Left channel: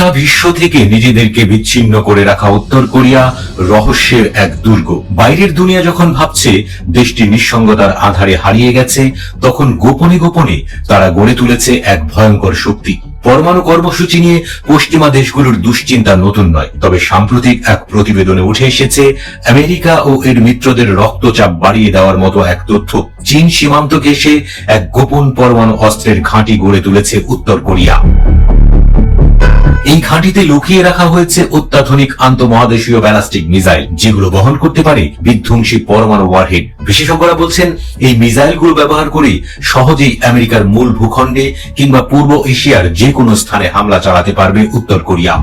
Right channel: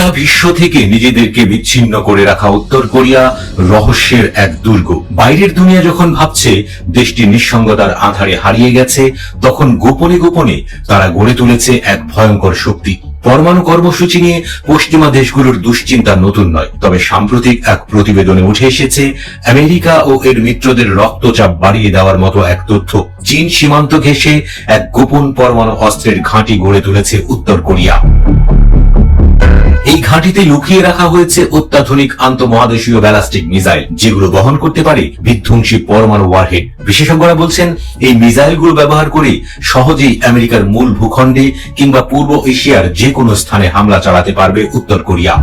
গোটা বিশ্ব থেকে নিজেদেরকে বিচ্ছিন্ন করে রাখা উত্তর কোরিয়া রহস্যের এক দুর্গ। বাইরের দুনিয়া যখন ভাবছে দেশটি নিঃসঙ্গতার আধারে হারিয়ে গেছে, তখন গোপনে গোপনে তারা গড়ে তুলেছে এক ভয়ঙ্কর শক্তি। পরমাণু কর্মসূচি নিয়ে পশ্চিমা দেশগুলোর দুশ্চিন্তা নতুন নয়, তবে সাম্প্রতিক এক প্রতিবেদনে উঠে এসেছে আমেরিকা ও এর মিত্রদের রক্তচাপ বাড়িয়ে দেওয়ার মতো এক তথ্য। চীন সীমান্ত ঘেঁষে এক গোপন পরমাণু অস্ত্রের ঘাঁটি গড়ে তুলেছে উত্তর কোরিয়া। এই ঘাঁটিতে লুকিয়ে রাখা হয়েছে অত্যাধুনিক আন্তঃমহাদেশীয় ব্যালিস্টিক মিসাইল, যেগুলো বহন করতে পারে বিধ্বংসী পরমাণু ওয়ারহেড। বিশেষজ্ঞরা বলছেন এই মিসাইলগুলো ব্যবহার করে সহজেই আমেরিকার মূল ভূখণ্ডে কিংবা পূর্ব এশিয়ার যে কোনো স্থানে হামলা চালাতে পারবে উত্তর কোরিয়া।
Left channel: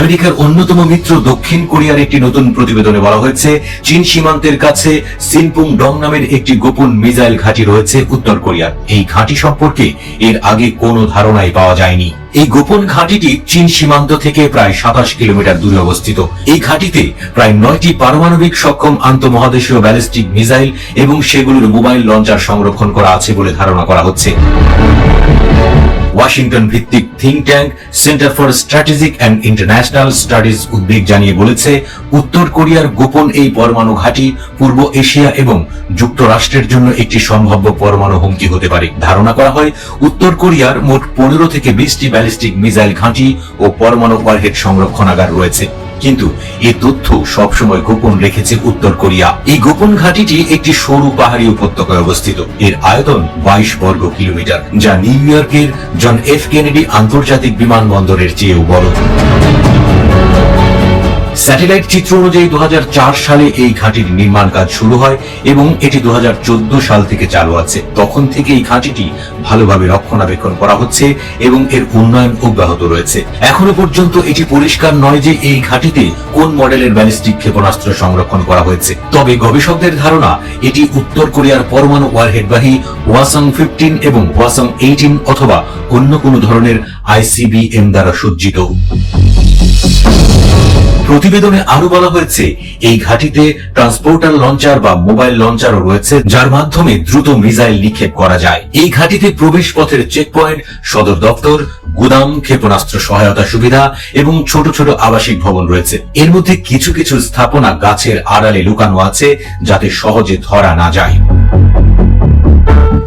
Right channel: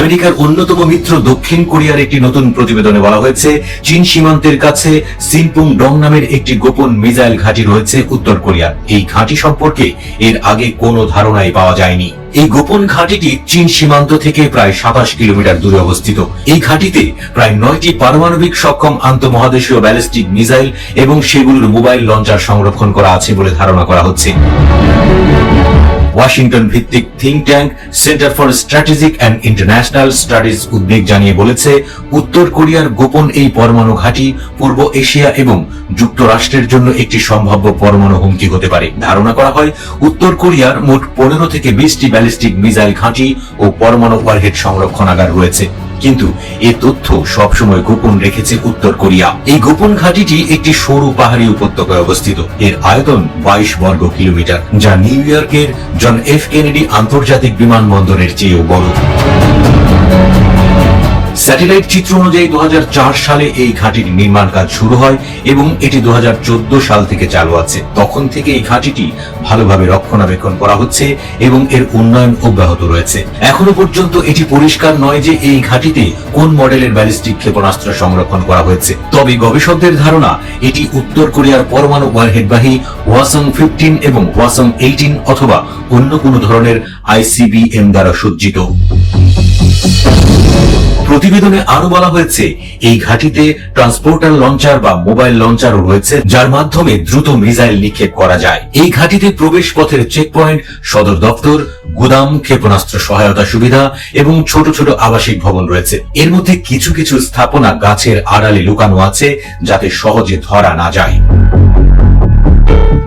আমেরিকার অন্যতম মিত্র দক্ষিণ কোরিয়ার একটি নতুন প্রতিবেদনে বলা হয়েছে, চীন সীমান্তের কাছে সিনপুং ডং নামের একটি গোপন মিসাইল ঘাঁটি রয়েছে উত্তর কোরিয়ার। এই ঘাঁটি সম্পর্কে এর আগে কোনো ধারণাই পাওয়া যায়নি। এই গোপন ঘাঁটিটি চীন সীমান্ত থেকে প্রায় 27 কিলোমিটার দূরে অবস্থিত। এই ঘাঁটিতে প্রায় 9টি পারমাণবিক সক্ষম আন্তঃমহাদেশীয় ব্যালিস্টিক মিসাইল এবং সেগুলোর মোবাইল লঞ্চার সংরক্ষণ করা আছে বলে ধারণা করা হচ্ছে। ওয়াশিংটন ভিত্তিক think tank centre for strategic and international studies উদ্বেগ জানিয়ে বলেছে, উত্তর কোরিয়ার গোপন এই পরমাণু ঘাঁটি পূর্ব এশিয়া এবং যুক্তরাষ্ট্রের জন্য একটি সম্ভাব্য পরমাণু হুমকি হতে পারে। ধারণা করা হয় উত্তর কোরিয়ার মোট 15 থেকে 20টি ব্যালিস্টিক মিসাইল ঘাঁটি ও পরমাণু ওয়ারহেড সংরক্ষণাগার রয়েছে, কিন্তু এই তথ্য সবসময় গোপন রেখেছে উত্তর কোরিয়া। এই গোপন ঘাঁটিটি একটি সরু পাহাড়ি উপত্যকায় অবস্থিত। এর আয়তন 22 বর্গ কিলোমিটার, যা নিউ ইয়র্কের জন এফ কেনেডি আন্তর্জাতিক বিমানবন্দরের চেয়েও বড়। স্যাটেলাইট চিত্র অনুযায়ী 2004 সালে এই ঘাঁটির নির্মাণ কাজ শুরু হয় এবং এটি 2014 সাল থেকে চালু আছে। তখন থেকে এই ঘাঁটিটি ভালোভাবে রক্ষণাবেক্ষণ করা হচ্ছে এবং এর উন্নয়ন অব্যাহত রয়েছে। এখনো পর্যন্ত এটি পরিষ্কার নয় যে এই ঘাঁটিতে কোন মডেলের ব্যালিস্টিক ক্ষেপণাস্ত্র সংরক্ষণ করা হয়েছে, তবে গবেষকদের ধারণা এটি উত্তর কোরিয়ার পরমাণু ওয়ারহেডবাহী ওয়াসং 15 এবং ওয়াসং 18 অথবা অন্য কোনো ধরনের আইসিবিএম দ্বারা সজ্জিত। প্রতিবেদনে আরো বলা হয়েছে, এই ঘাঁটিতে ট্রান্সপোর্টার লঞ্চার বা মোবাইল লঞ্চারও রয়েছে, যার মাধ্যমে দ্রুত মিসাইল নিক্ষেপ করা যায়। এই ঘাঁটিতে প্রবেশ পথের চেকপয়েন্ট, সদর দপ্তর, গুদাম, ক্ষেপণাস্ত্র সহায়তা সুবিধা এবং ছোট ছোট আবাসিক ভবন রয়েছে। এর মধ্যে কিছু কিছু স্থাপনা গাছের আড়ালে লুকানো আছে, যাতে সহজে ধরা না যায়।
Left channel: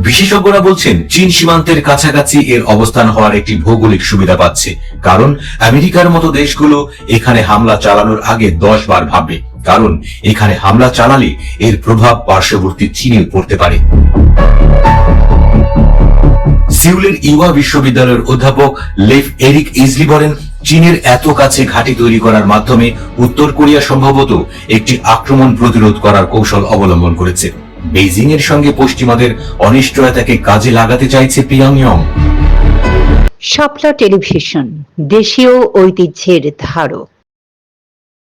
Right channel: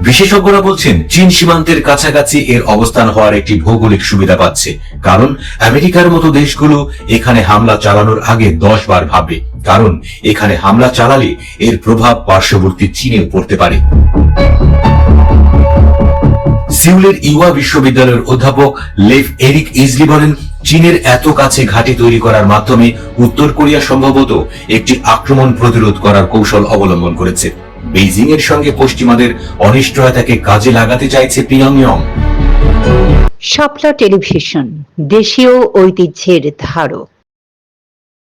বিশেষজ্ঞরা বলছেন, চীন সীমান্তের কাছাকাছি এর অবস্থান হওয়ার একটি ভৌগোলিক সুবিধা পাচ্ছে, কারণ আমেরিকার মতো দেশগুলো এখানে হামলা চালানোর আগে 10 বার ভাববে, কারণ এখানে হামলা চালালে এর প্রভাব পার্শ্ববর্তী চীনে পড়তে পারে। সিউলের ইওয়া বিশ্ববিদ্যালয়ের অধ্যাপক লেভ এরিক ইজলি বলেন, চীনের এত কাছে ঘাঁটি তৈরি করার মাধ্যমে উত্তর কোরিয়া সম্ভবত একটি আক্রমণ প্রতিরোধ করার কৌশল অবলম্বন করেছে। বেইজিং এর সঙ্গে পশ্চিমাদের অনিশ্চয়তাকে কাজে লাগাতে চাইছে পিয়ংইয়ং। শাপলা টেলিভিশন, দেশীয় ঐতিহ্যের ধারক।